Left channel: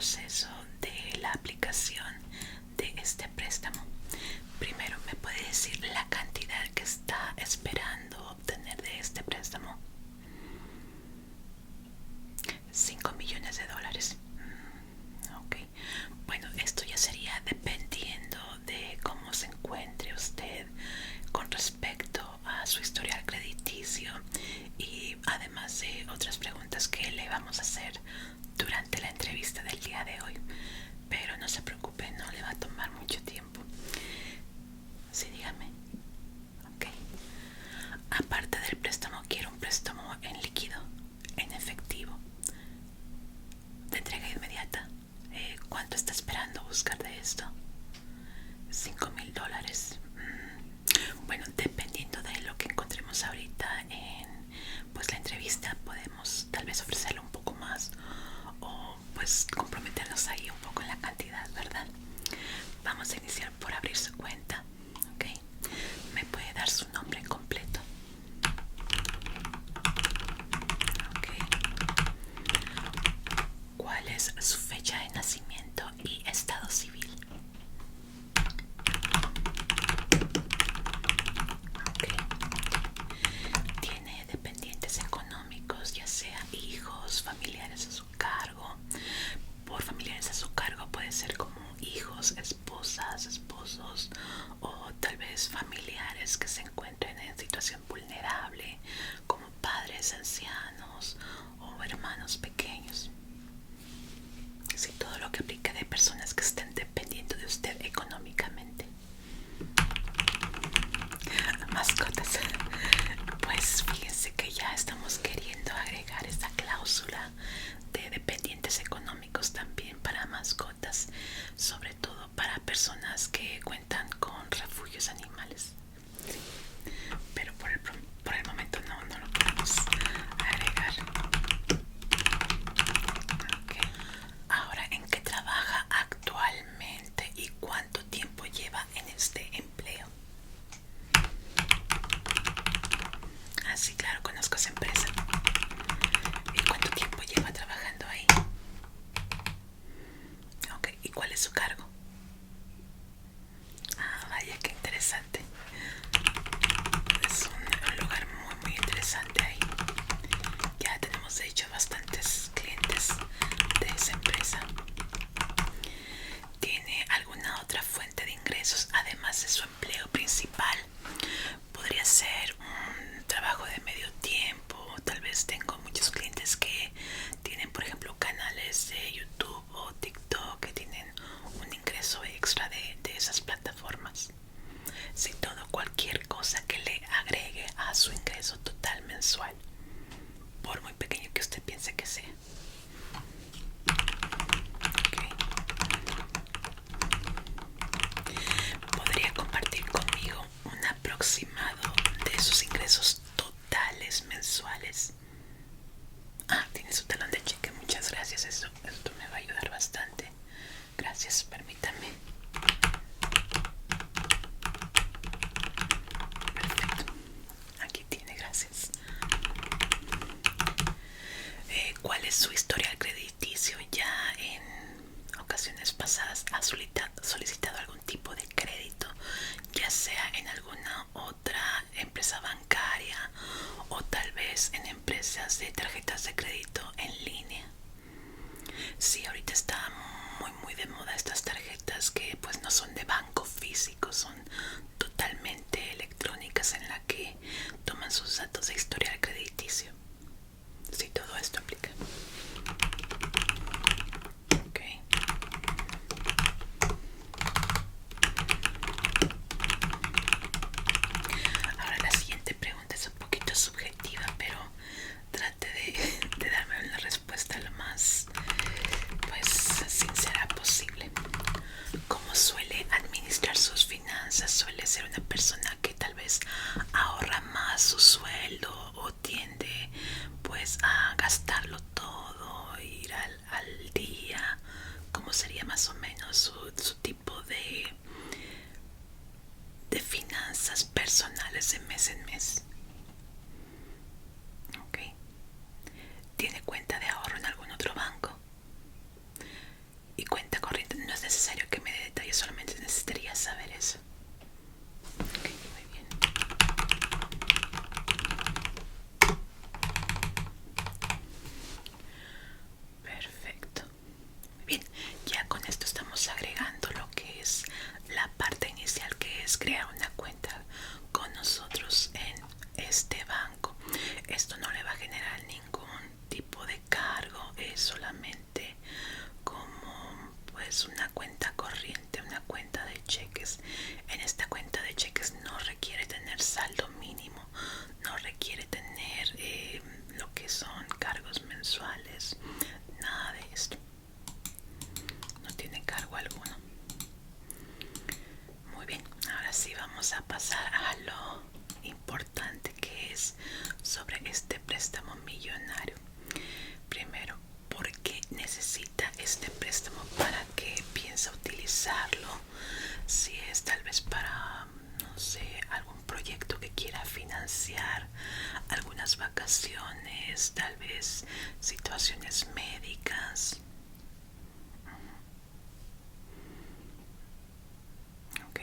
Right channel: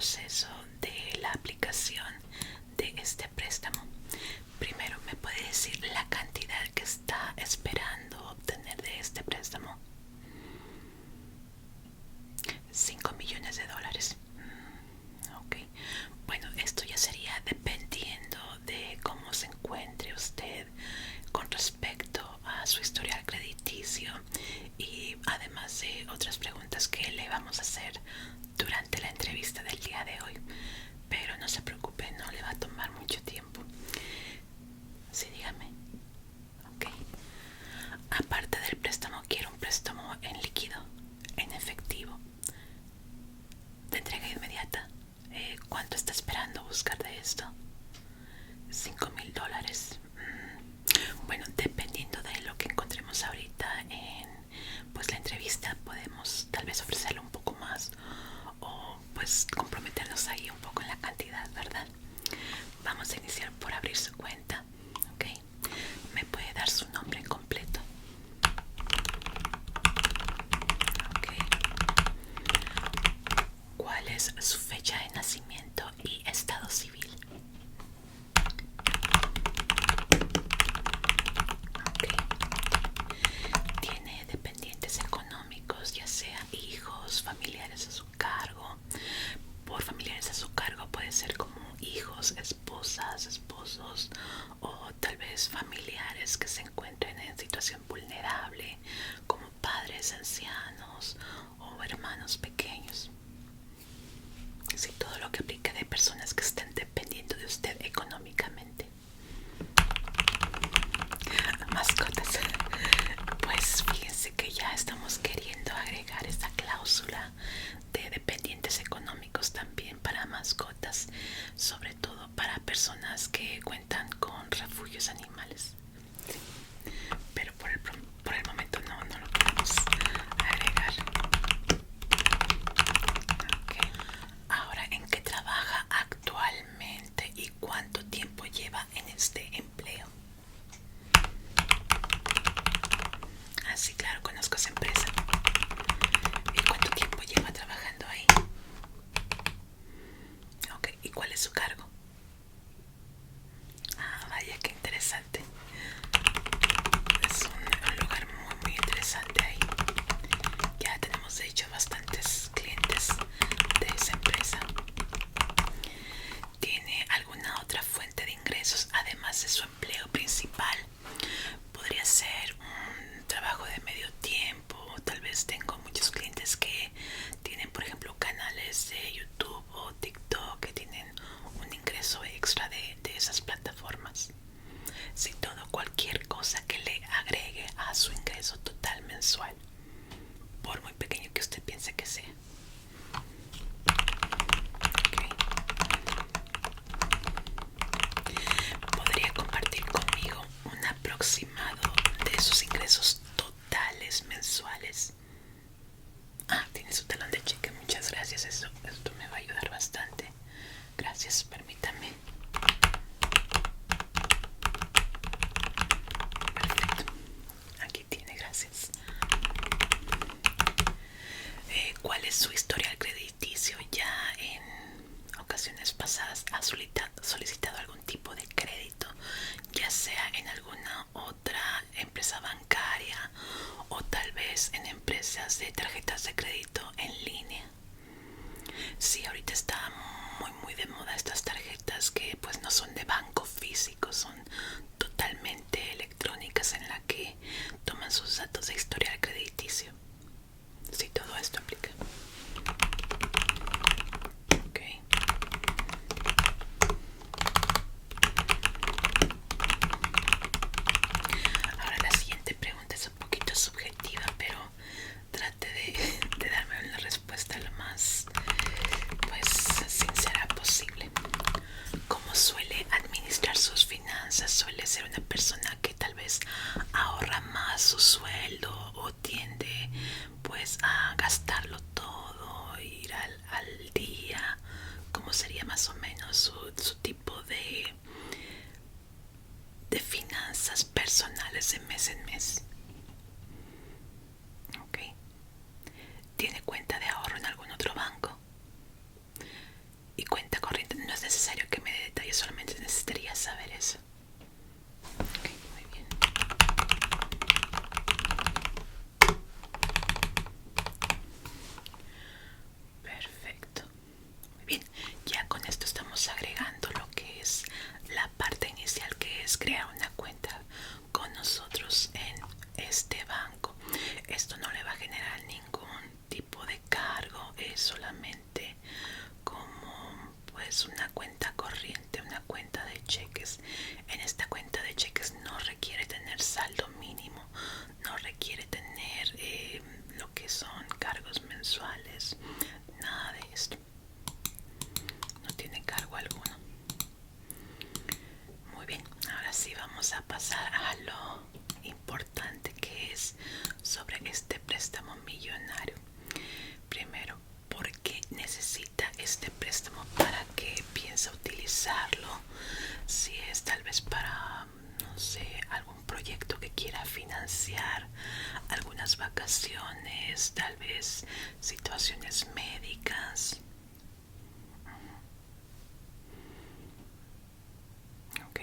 proceso de la aplicación de este préstamo. Primero, ¿me puede decir la cantidad que está esperando obtener de este préstamo? 5 millones de dólares. Ok. Bueno, esto ya sería dependiendo de cómo se encuentre usted con respecto a su historial crediticio y además de otras preguntas que le vamos a hacer durante la entrevista del día de hoy. Pero no se preocupe, no le va a tomar mucho tiempo. Sí, dígame. Ok. Aparte del préstamo, quiero un préstamo en líquido, en efectivo, de entrega inmediata. ¿Cuánto está esperando buscar de esto? 5.000 dólares. Bueno, dependiendo de lo que encontremos ahorita en pues la entrevista, podemos tal vez ofrecerle un poco más o pues comprometernos ahí un poco en la cantidad, ¿verdad? Vamos a iniciar por abrir su cuenta. Ok. ¿Me puede dar su nombre completo? Ok. ¿Cuál es su fecha de nacimiento y estado civil? Ok. ¿Tiene dependientes económicos, ya sea hijos, familiares a su cargo? Por familiares a su cargo puede ser como hijos, esposas, esposos o tal vez familiares que se encuentren en situación vulnerable, como padres ancianos o hermanos pequeños. Sí, todo lo que aplica de personas que estén dependiendo de usted económicamente. Mascotas. Pues fíjense que ya estamos queriendo agregar esta cláusula de dependientes económicos también para mascotas, sobre todo para personas que cuentan con refugios animales. Sí. Pero por el momento no lo podemos agregar. Okay. Ahora, ¿en qué trabaja actualmente y cuánto tiempo lleva en este empleo? Ah, sí, claro, conozco esa empresa. ¿Y cuánto tiempo lleva trabajando ahí? Ok, ¿y cuál es su cargo? Ah, vaya, qué interesante. Es un lugar muy interesante ahí. Ya tenemos de hecho bastantes clientes de esa empresa. ¿Tiene alguna otra fuente de ingresos además de su empleo principal? Podría ser un trabajo de medio tiempo. Tal vez tengo muchos clientes que tienen, por ejemplo, canales de YouTube o TikTok que tienen un ingreso extra de esas plataformas. Si todo, cualquier cosa que le agregue a su ingreso total mensual, por muy pequeño que usted piense que sea. Okay. ¿Podría compartir conmigo un aproximado de sus ingresos totales mensuales? Ah, tiene su talón de cheque, muchas gracias, esto me va a ayudar bastante. Gracias, permítame. Perfecto, aquí tiene, gracias. ¿Cuál es su historial crediticio? ¿Ya en ocasiones pasadas ha solicitado algún tipo de crédito, ya sea en alguna otra empresa bancaria o tal vez en empresas de tarjetas de crédito en línea? Sí, ahorita está muy de moda estas tarjetas que pues no son de banco físico, son totalmente electrónicas en la que toman sus datos de historial crediticio. Sí, todo esto aplica. Ok. Ahora la siguiente pregunta es un poquito subjetiva, pero trate de darme una respuesta lo más pues sincera posible. ¿Cómo suele administrar sus finanzas? ¿Suele ser una persona que tal vez ahorra más su sueldo o tiende pues a gastarlo todo, ir al día? ¿Cómo sería más o menos su tipo de finanzas personales de mes en mes? Ok. ¿Tiene cuenta de ahorro en algún otro banco? solamente como pues una cuenta corriente, una cuenta de cheques. En esta cuenta de cheques no requiere tener saldo mínimo, no requiere tener lo que son cargos mensuales, nada de esto. No tiene cargo alguno. Muy bien, ahora sí vamos a pasar a lo importante, que es sobre este préstamo millonario. Primero, ¿por qué necesita este préstamo? ¿Para qué piensa utilizarlo? Si es tal vez para, no sé, algún proyecto que quiera financiar, algunas vacaciones, tal vez situaciones médicas. Ok.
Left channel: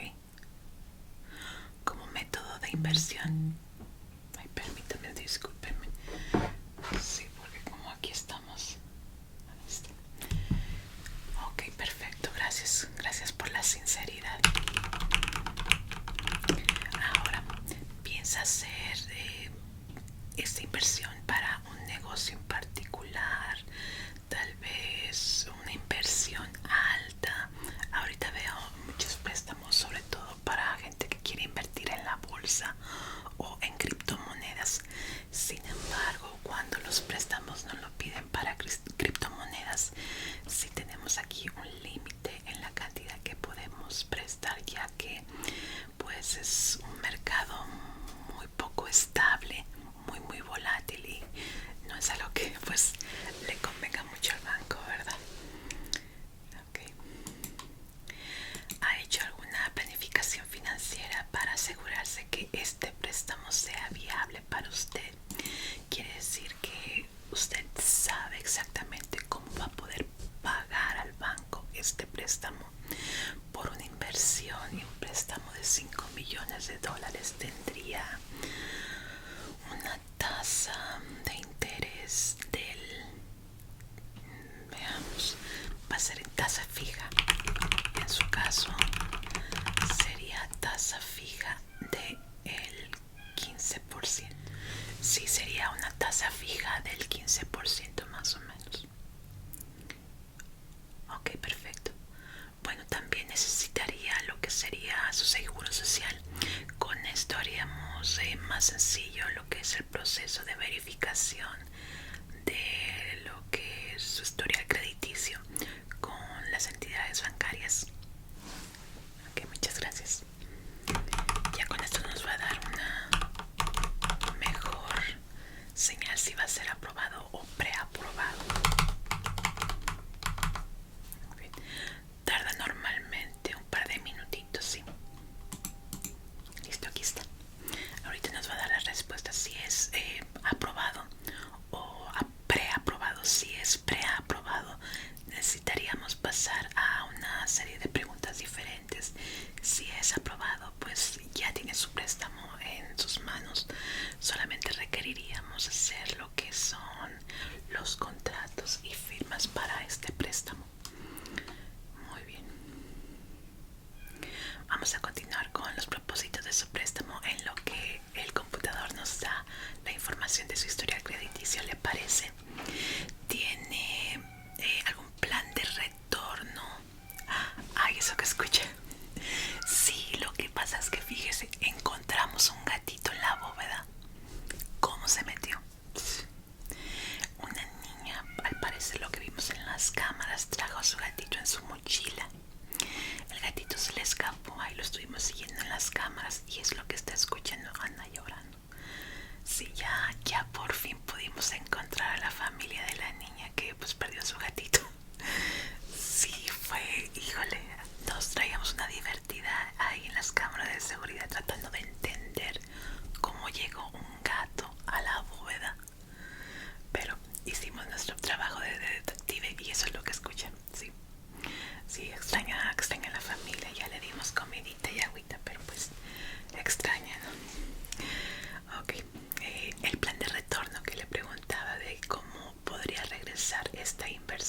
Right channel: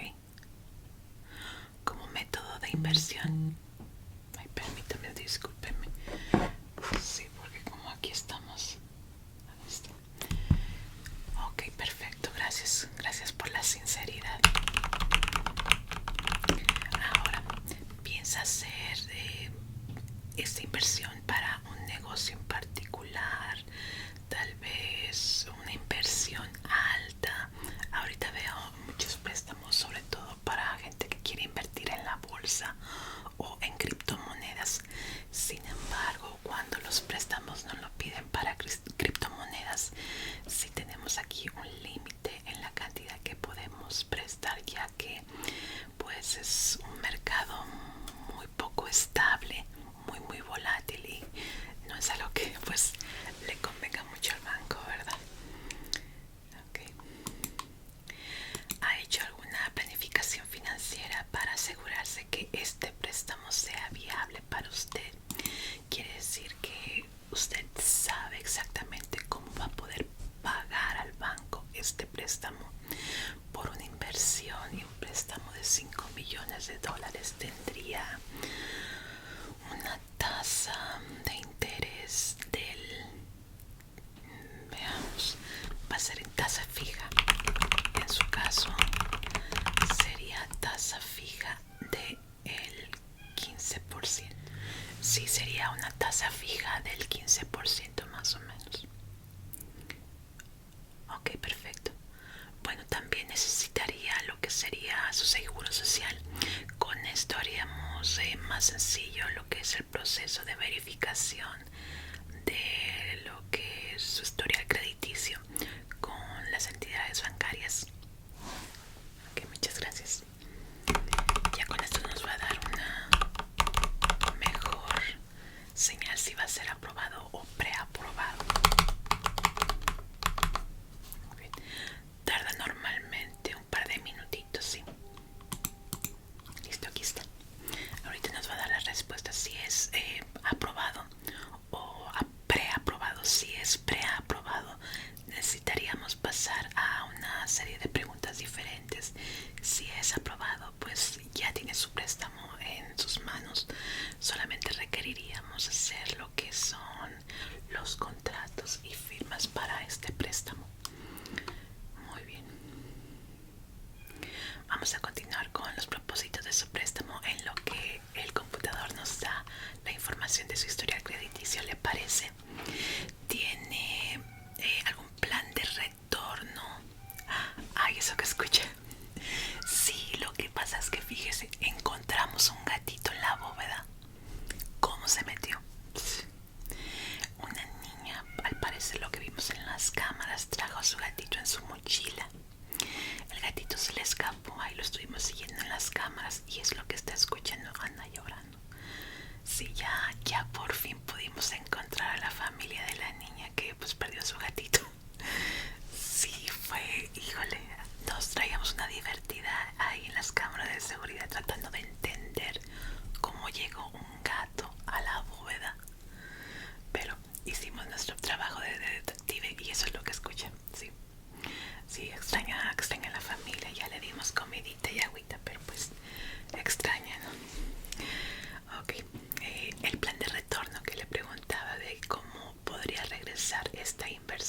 Como método de inversión. Ay, permítame, discúlpeme. Sí, porque como aquí estamos. Ok, perfecto, gracias. Gracias por la sinceridad. Ahora, ¿piensa hacer esta inversión para un negocio en particular? Tal vez una inversión alta. Ahorita veo muchos préstamos, sobre todo para gente que quiere invertir en la bolsa o en criptomonedas. Sin embargo, cuando los préstamos no lo piden para criptomonedas, sí tenemos aquí un límite en la cantidad que podemos prestar, ya que pues es un mercado muy poco estable, muy volátil, y no es algo que pues le convenga mucho al banco, ¿verdad? Okay. ¿Ha hecho alguna planificación financiera para asegurarse que este préstamo sea viable para usted? Quiere decir que usted sabe exactamente cómo va a poder pagar al banco este préstamo. Por una inversión y un préstamo de 5 millones de dólares tendría una tasa de interés del, veamos, va a ser en tasa fija. En su caso sería tasa fija de el 15%. Sí, sería una tasa fija del 15% más o menos. Ok, perfecto. Bueno, también necesitaría lo que sería su seguro social. Con esto haríamos más sencillo lo que es el proceso de verificación de lo que es su historial crediticio con las entidades bancarias. Ok, muchas gracias. Ya con esto nos va a dar una mejor señal si va a ser aprobado o preaprobado. Bien. Tarda normalmente un par de minutitos, sí. Listo, aquí está. Ahorita nos va a dar la respuesta si es aprobado o preaprobado. Si es preaprobado, necesitaríamos pasar a una serie de preguntas diferentes. Si es aprobado, pues ya tiene su préstamo en sus manos. Solamente requeriríamos hacer lo que son los contratos y firmas para este préstamo. Muy bien. Vamos a continuar con los propósitos de su préstamo en lo que el computador nos da la información de su historial crediticio. ¿Le parece? ¿Tiene algún plan de retorno? Ay, eso que escuché. Sí, lo que pasa es que fíjese, encontramos un gatito en la bóveda. ¿Cómo se metió? Una niña, al parecer lo que vimos en las cámaras, trajo a su gatito en su mochila. El gatito se le escapó, ahí lo estuvimos siguiendo en las cámaras y es lo que está escuchando. Anda llorando. Sí, ya por fin pudimos encontrar a la familia de la niña que pues perdió a su gatito. Sí, fue, híjole, nos traíamos una divertida ahí en las cámaras de seguridad tratando de entender cómo llegó un gato a la bóveda. Pero hicimos nuestro trabajo de detective y eso es lo que escuchan, sí. Sí, extraña a la familia, ya le dimos comidita y agüita, pero pues extraña, ¿no? Ok, el plan de retorno que le preguntaba de cómo podría regresar esta inversión.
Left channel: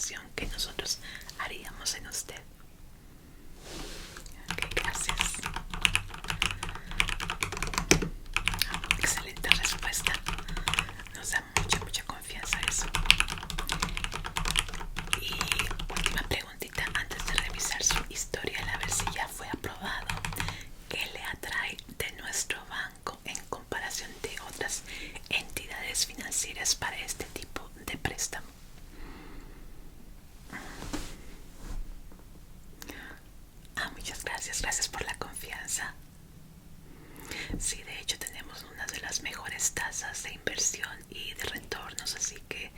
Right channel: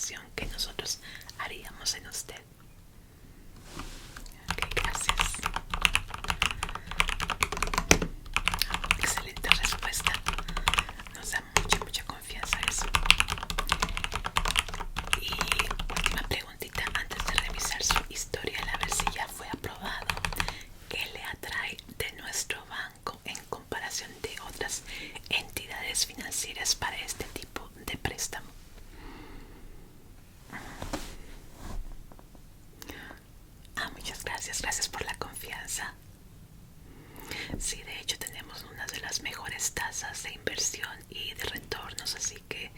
Sí, de hecho tenemos una de las mejores tasas de inversión y de retornos, así que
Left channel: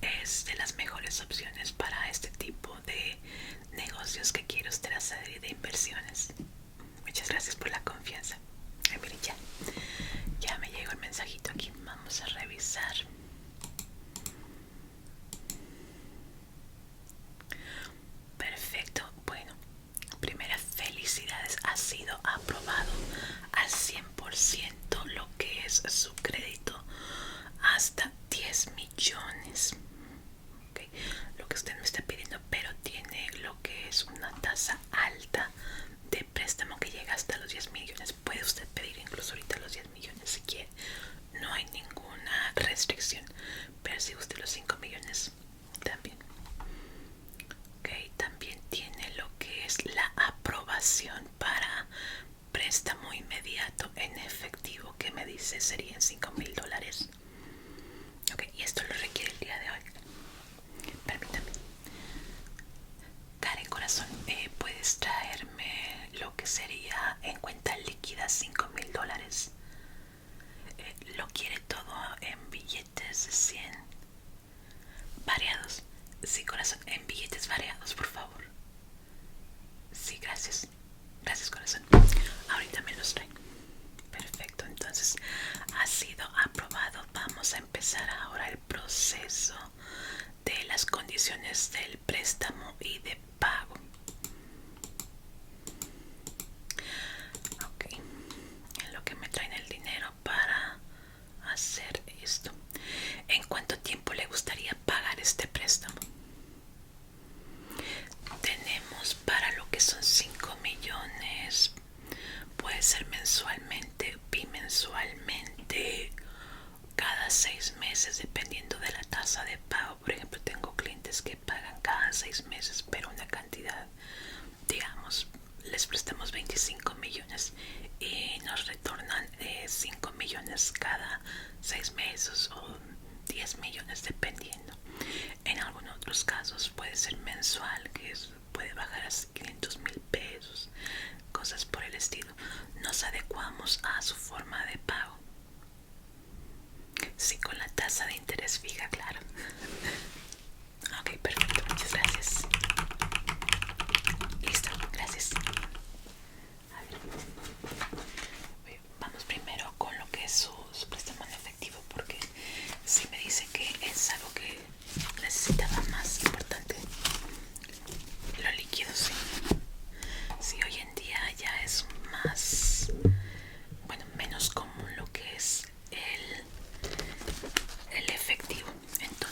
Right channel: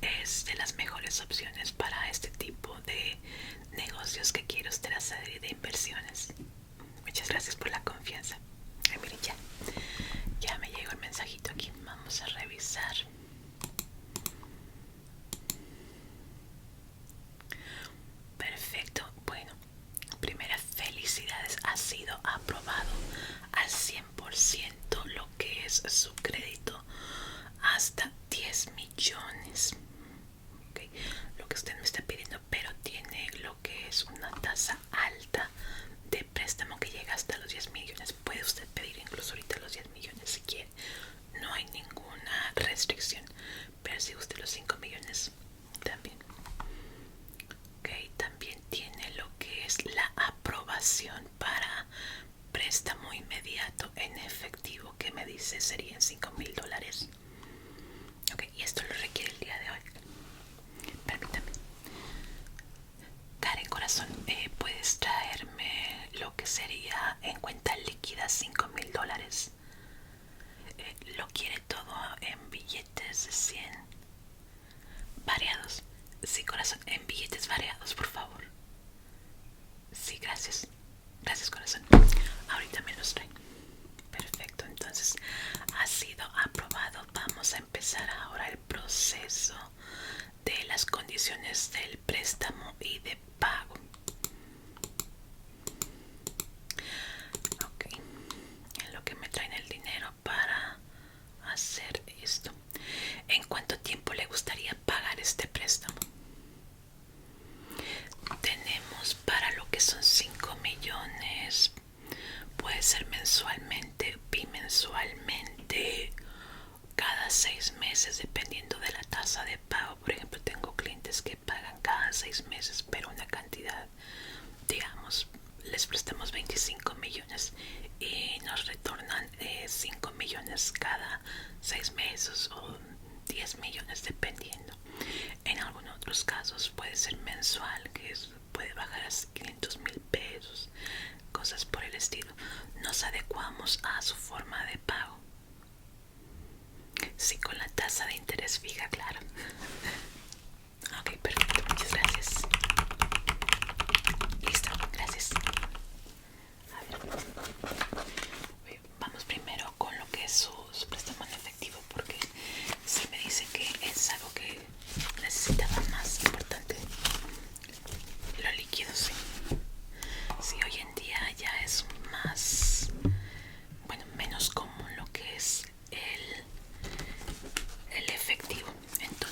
es de las mejores opciones para este tipo de negocios que quiere usted hacer y de inversiones. Muchas gracias por la confianza. Ay, miren, ya me llegó el mensajito aquí. Vamos a revisar. Perfecto. Bueno, primeras felicidades. Ha sido aprobado al 100% lo que es su crédito hasta 10 millones. Okay. Lo que usted me está pidiendo, pero tiene lo que es una tasa alta de préstamo que llega hasta los 10 millones. Puede usted pedir incluso ahorita los 10 millones si quiere. No hay ninguna restricción. Pero si usted los 5 millones también. Okay. También tiene lo que es la aprobación para préstamo inmediato en efectivo, que me dice serían $5,000. Ok, y esto lo requiere el día de hoy. Permítame. Karen, corazón, ¿puedes traerme lo que sería en cuenta líquida $5,000? Lo quiere todo en billetes de 100 variados. Sí, corazón, en billetes variados, por favor. Sí, gracias. Gracias, corazón. Ahorita me los trae. Perfecto, entonces ha sido aprobado. Vamos a empezar ahora el proceso de las condiciones del préstamo y de pago. Ok, en lo que me traen el dinero para hacer esto. ¿En cuánto tiempo le gustaría pagar este préstamo? Tenemos para lo que son 5 millones. Puede ser mensualmente, bimensualmente, cada 6 meses, dependiendo de la tasa de pago. Por ejemplo, tengo clientes que pagan cada 6 meses, pero una cantidad, digamos, les prestamos 25 millones y nos retornan 5 millones cada 6 meses o 10 millones, dependiendo. En algunos otros casos puede ser mensual, puede bajar a 500,000 pesos, cosas por el estilo. Nos adecuamos a su forma de pago. Sí, con la tasa de interés fija, claro. Ok, perfecto, muchas gracias. Listo, gracias. A ver, vamos primero con lo que es su préstamo en efectivo, porque si me dice que es algo que necesitaba más importante. Lo líquido, sí. Sí, hoy en día ya es más, bueno, menos común lo que es el efectivo. Entonces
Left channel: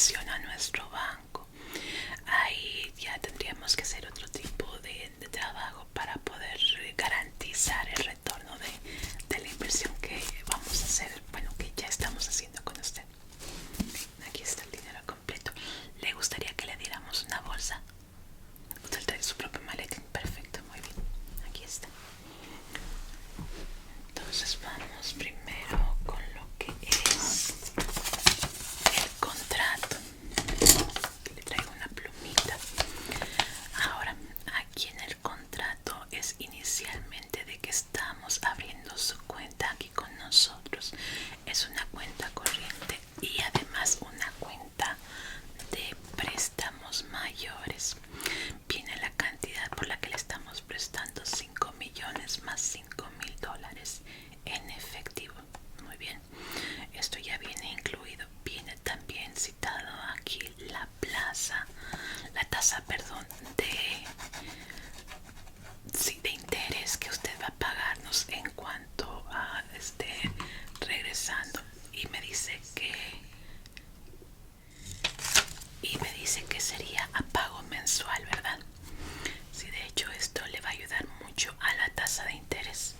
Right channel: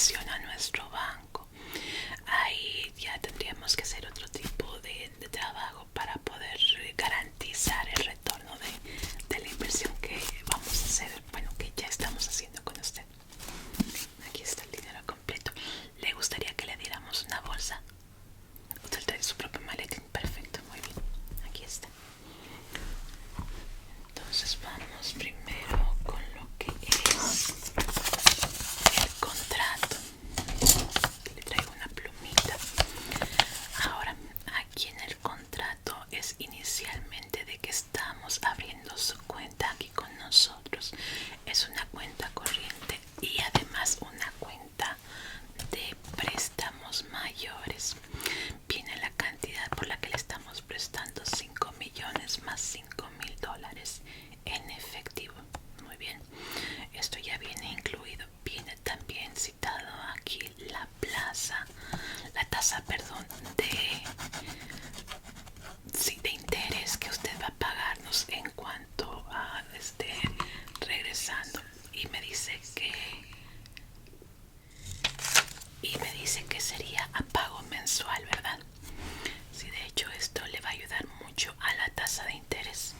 inversión a nuestro banco. Ahí ya tendríamos que hacer otro tipo de trabajo para poder garantizar el retorno de la inversión que vamos a hacer, bueno, que ya estamos haciendo con usted. Aquí está el dinero completo. ¿Le gustaría que le diéramos una bolsa? Usted trae su propio maletín. Perfecto, muy bien. Aquí está. Entonces vamos primero con lo que es el contrato. Aquí le traigo una plumita. Ahora, aquí en el contrato es inicialmente de que estamos abriendo su cuenta aquí con nosotros. Es una cuenta corriente y además una cuenta de préstamos mayores. Viene la cantidad por la que le estamos prestando 5 millones más $5,000 en efectivo. Muy bien, esto ya viene incluido. Viene también citado aquí la tasa, perdón, de interés que usted va a pagarnos en cuanto a regresando. Y me dice que sería a pago mensual, ¿verdad? Sí, de hecho esto le va a ayudar mucho a la tasa de interés.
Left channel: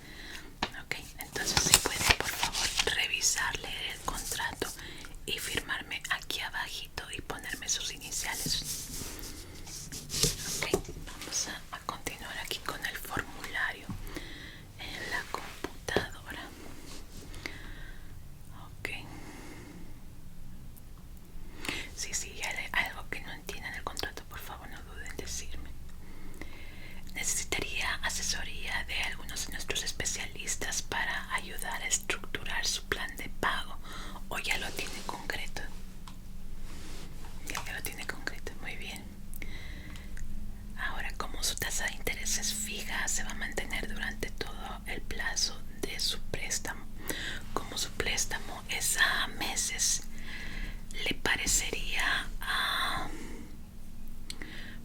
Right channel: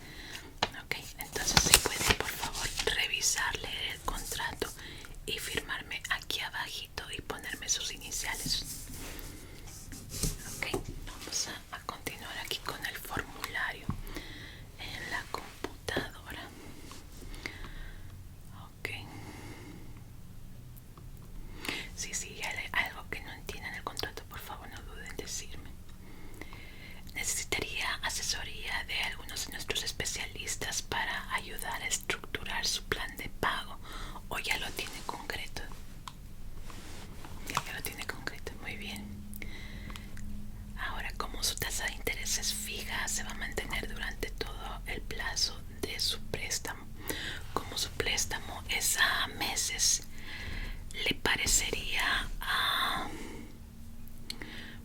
Ok, entonces si puede por favor revisarle el contrato y firmarme aquí abajito y ponerme sus iniciales. Ok, vamos a continuar aquí con el formulario en la computadora. Ok. Si hay algo que no entiendan el contrato, por favor no duden en decirme. Necesitaría asesoría de algunos de nuestros especialistas para ayudar a estructurar su plan de pago, o ya lo tiene concreto. Ya lo tiene concreto, muy bien. Ahora, como su tasa de interés es fija, se va a mantener durante todo el plazo de su préstamo. Como su préstamo es a meses, le parecería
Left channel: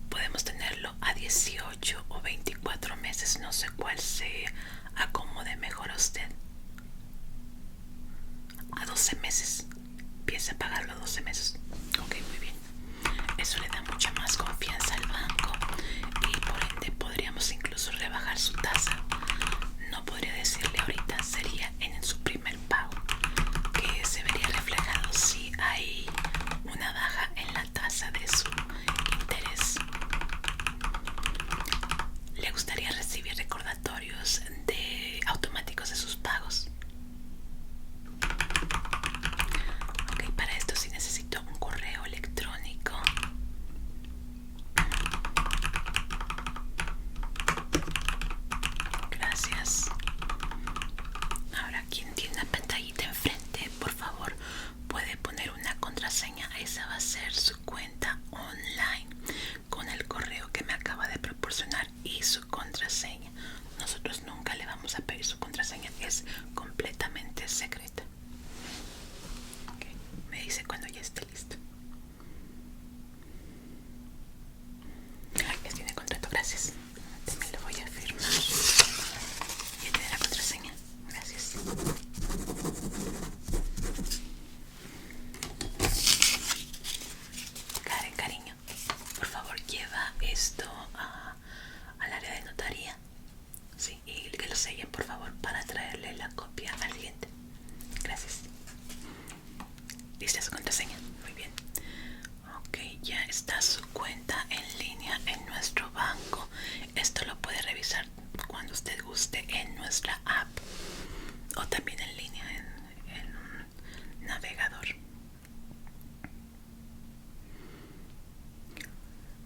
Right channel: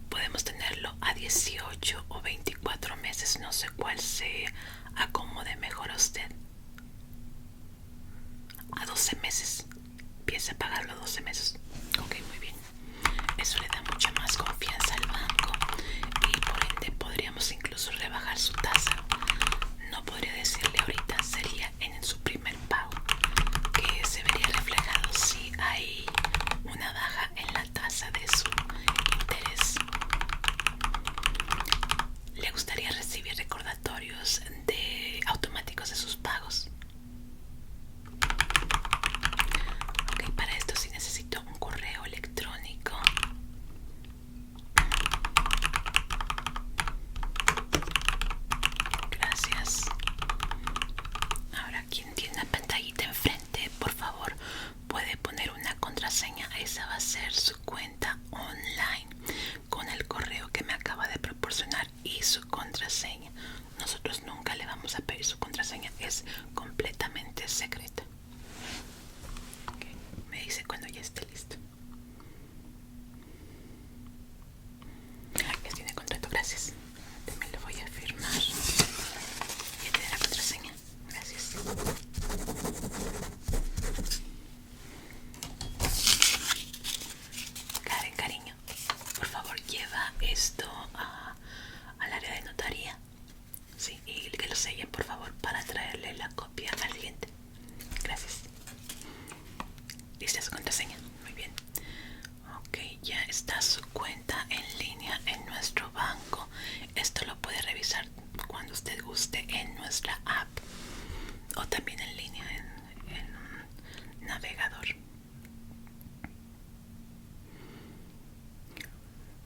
podemos tenerlo a 18 o 24 meses, no sé cuál se acomode mejor a usted. A 12 meses. Piensa pagarlo a 12 meses. Ok, muy bien. Eso le da mucha más confianza al banco y por ende podríamos incluso rebajar su tasa. No podría decirle ahorita, sería en su primer pago, que se vería reflejado si hay una baja en la tasa de su interés. ¿Le gustaría recibir recordatorios automáticos de sus pagos? Ok, para esto sí necesito un correo electrónico. Gracias. Ahora, quien tiene la pantallita enfrente, por favor, puede poner una contraseña. Esa va a ser su cuenta online con el correo que me acaba de proporcionar y su contraseña. Nosotros nunca le vamos a pedir su contraseña, es completamente secreta. Okay. Me dice cuando ya esté listo. Ya tiene contrato, gracias. También lo voy a firmar. Ya tiene la contraseña. Gracias. Karen, cariño, por favor lleva esto al área de notaría. Sí, y que lo sellen por favor para traerle la copia al cliente. Gracias. ¿Lista su contraseña? Muy bien. Ok, ya está su cuenta en línea en nuestro banco. Esto lo puede revisar cuando usted guste en nuestra app o también en línea en un navegador.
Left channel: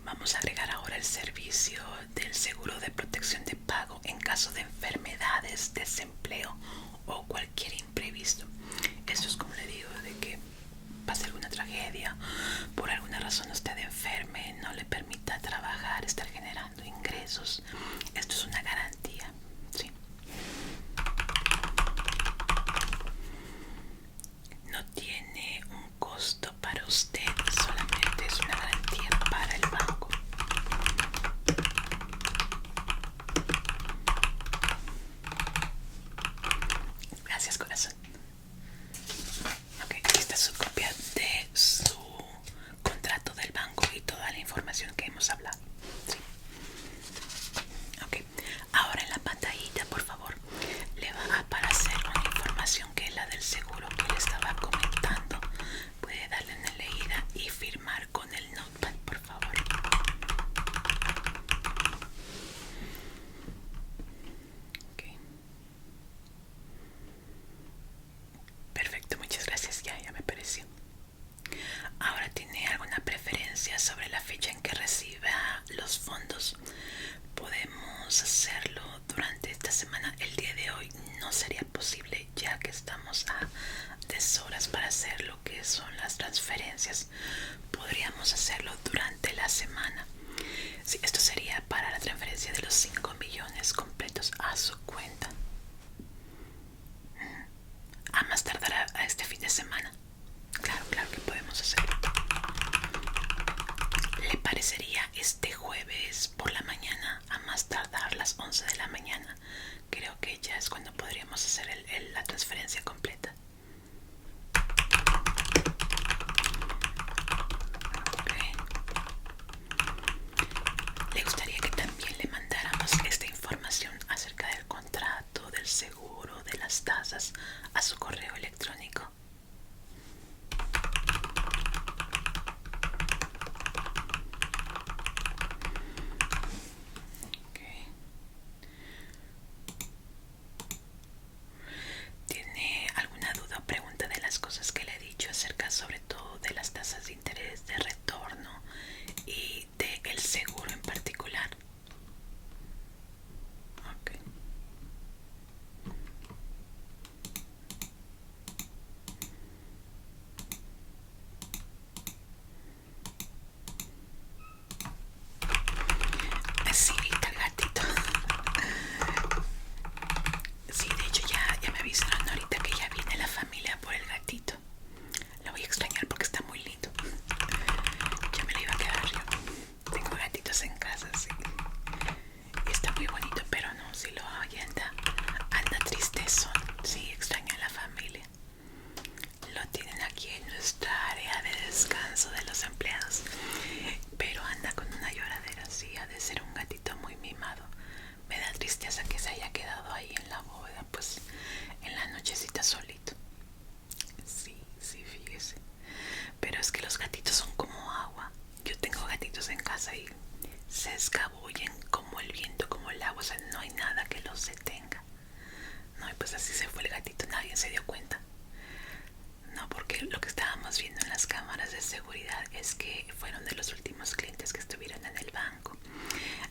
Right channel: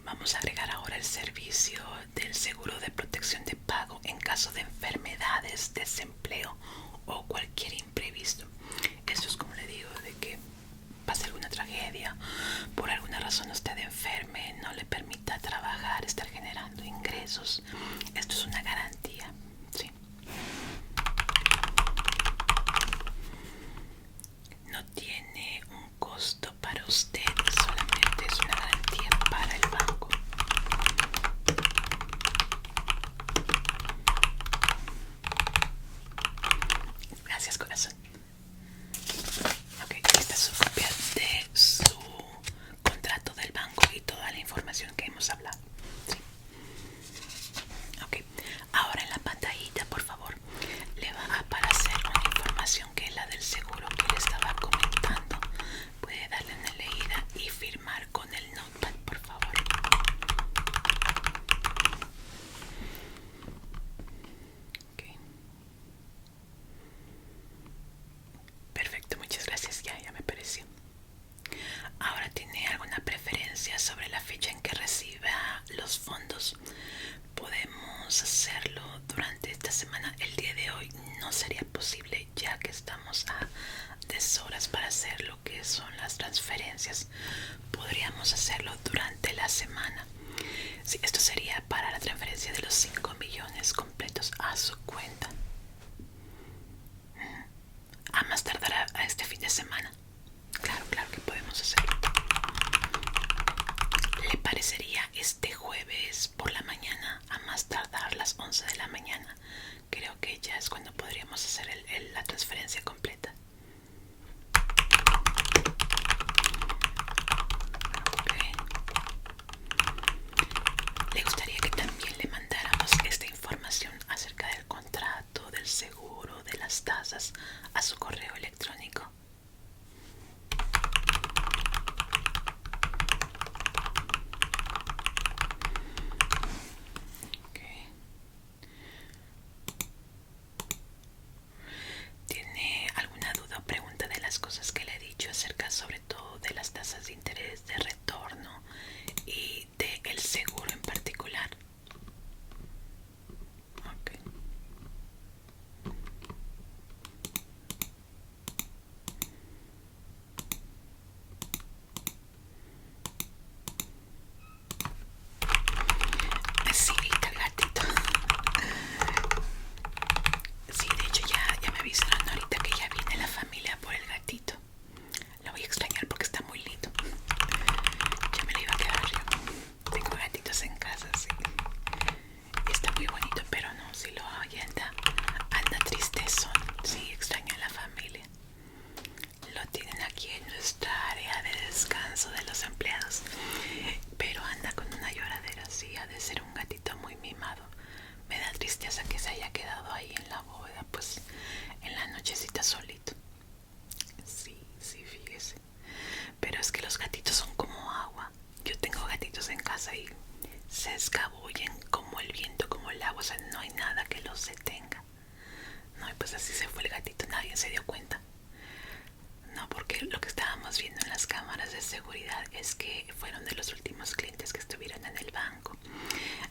Vamos a agregar ahora el servicio del seguro de protección de pago en caso de enfermedades, desempleo o cualquier imprevisto. Esto es, como le digo, de que pase alguna tragedia, por alguna razón usted enferme, no le permita trabajar, estar generando ingresos. Esto es una garantía, ¿sí? No tiene un costo para usted, solamente es una garantía para el banco. Gracias, corazón. Ok, aquí está su copia de su que son las transferencias. Podríamos hacerlo durante la semana. Sí, esto sería para la transferencia de los 5 millones completos a su cuenta. A más tardar a este fin de semana. Claro, claro que podemos hacerlo. ¿Le parecería este jueves por la mañana, a más tardar las 11 de la mañana? Creo que ya es cuando podríamos hacer la transferencia completa. Okay. ¿Le gustaría que también le mandáramos esta información acerca del contrato, del seguro, de las tasas a su correo electrónico? Okay. ¿Tiene alguna duda o pregunta de las cosas que le he dicho acerca sobre todo de las tasas de interés, de retorno y del seguro en particular? Okay. Sí, el gatito. Sí, de hecho ya me avisaron ahorita que ya viene la familia por el gatito. Lo voy a extrañar porque está muy lindo. Ya me lo iba a quedar yo. Tengo gatitos en casa, sí. Y está muy bonito, pero no, si lo oye anda tristezón. Sí, extraña a la familia. Lo tienen aquí en nuestra área de descanso de los empleados. Pero anda con una lloradera, sí, ha de ser un gatito muy mimado. Me da tristeza que se haya quedado ahí en la bóveda, pues en la nochecita solito. Sí, sí, fíjese. Pero es que los gatitos son como agua. Yo tengo gatitos en casa y se escabullen como el viento, como el agua. O sea, no hay nada que los detenga. No, y pues así se fue el gatito, nadie se dio cuenta. No, porque lo que estábamos viendo en las cámaras de seguridad es que fueron de los últimos clientes que estuvieron en el banco.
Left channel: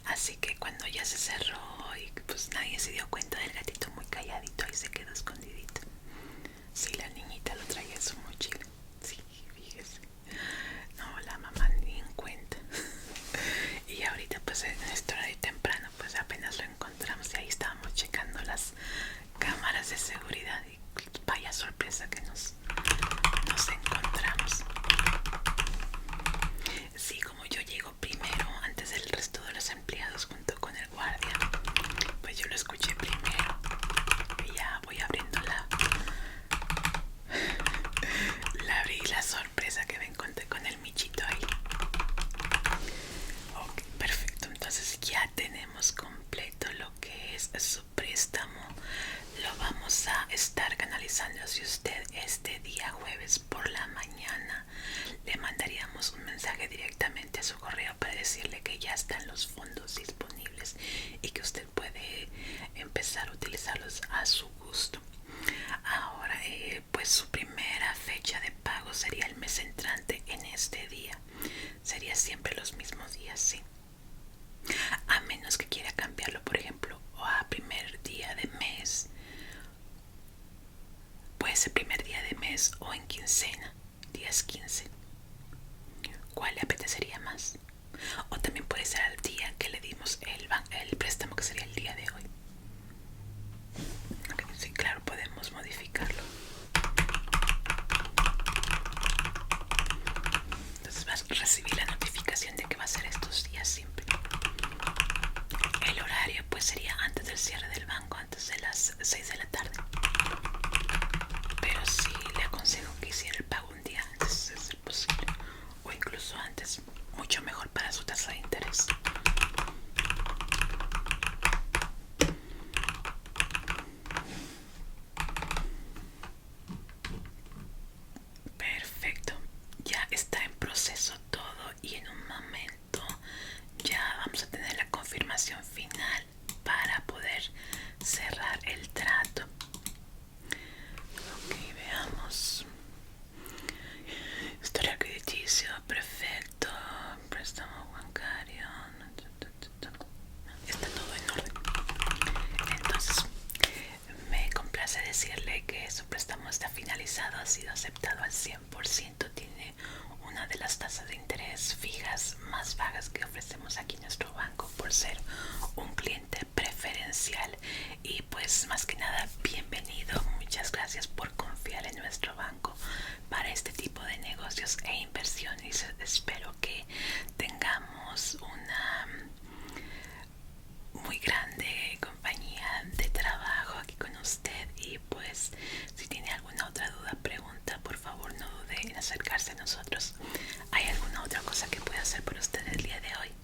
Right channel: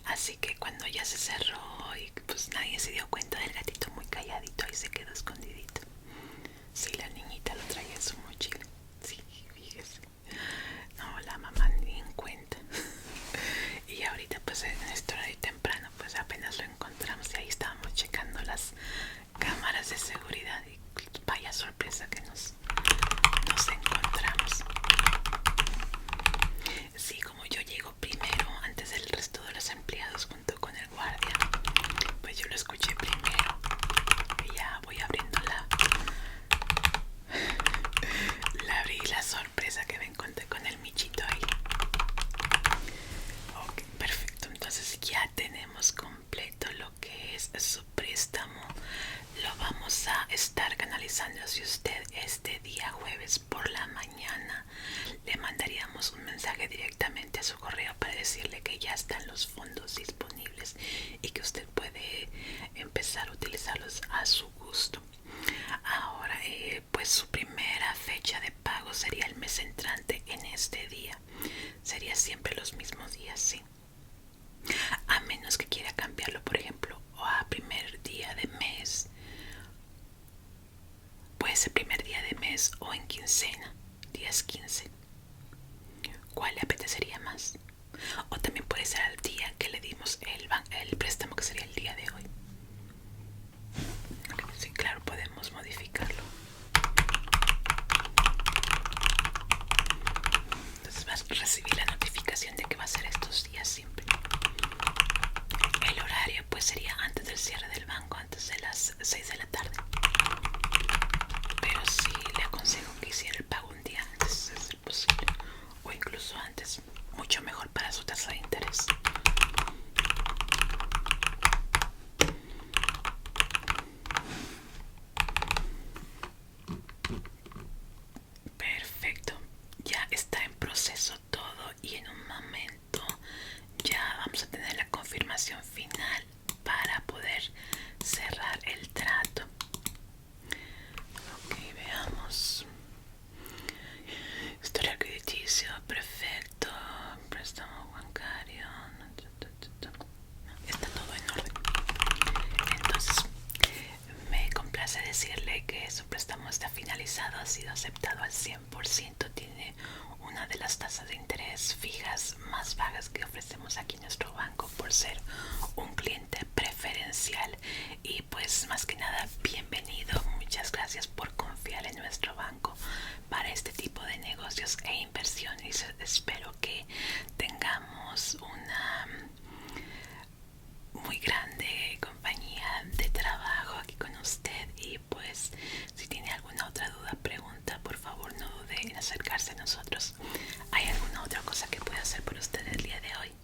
Así que cuando ya se cerró y pues nadie se dio cuenta del gatito muy calladito, ahí se quedó escondidito. Sí, la niñita lo traía en su mochila. Sí, fíjese. No, la mamá ni en cuenta. Y ahorita pues en esta hora de temprano pues apenas lo encontramos y ahí estábamos checando las cámaras de seguridad y vaya sorpresa que nos encontramos. Sí, como yo llego primero antes del resto de los empleados junto con el guardia, pues yo lo escuché primero y ya voy abriendo abrí la sorpresa que me encontré con el michito ahí. Ok, perfecto, entonces ya tenemos completo lo que es su préstamo. Lo vamos a estar canalizando. Si usted este día jueves por la mañana le mandaríamos un mensaje directamente a su correo para decirle que ya están los fondos disponibles y que usted puede empezar a utilizarlos a su gusto. Ahora, pues su primera fecha de pago sería el mes entrante en este día. Sería siempre los mismos días, sí. A menos que quiera cambiarlo, por ejemplo, a primer día de mes. Puede ser primer día de mes o en quincena, días 15. ¿Cuál le apetecería más? O también puede ser al día que le dimos el préstamo, que sería el día de hoy. Okay, sí, claro, podemos modificarlo. Entonces vas a recibir la notificación de que va a ser estos días siempre. El horario pues sería antes del cierre del banco, antes de las 6 de la tarde. Pero sí le aconsejo que hiciera el pago un día antes, de ser posible, o incluso antes, mucho mejor para su tasa de interés. Perfecto, ya está en proceso todo y en un momento ya vamos a tener la confirmación final para poder cerrar el trato. 4%. Tiene una de las tasas de interés fijas más bajas que ofrecemos aquí en nuestro banco por ser un cliente preferencial. Y pues más que nada, bienvenido. Muchas gracias por confiar en nuestro banco para este tipo de negocios e inversiones. Espero que tengamos una muy grande compañía de trabajo aquí con usted. Y pues si tiene alguna otra duda, pregunta, por favor no dude en acercarse a nosotros. ¿Hay alguna otra cosa que pueda hacer por usted el día de hoy?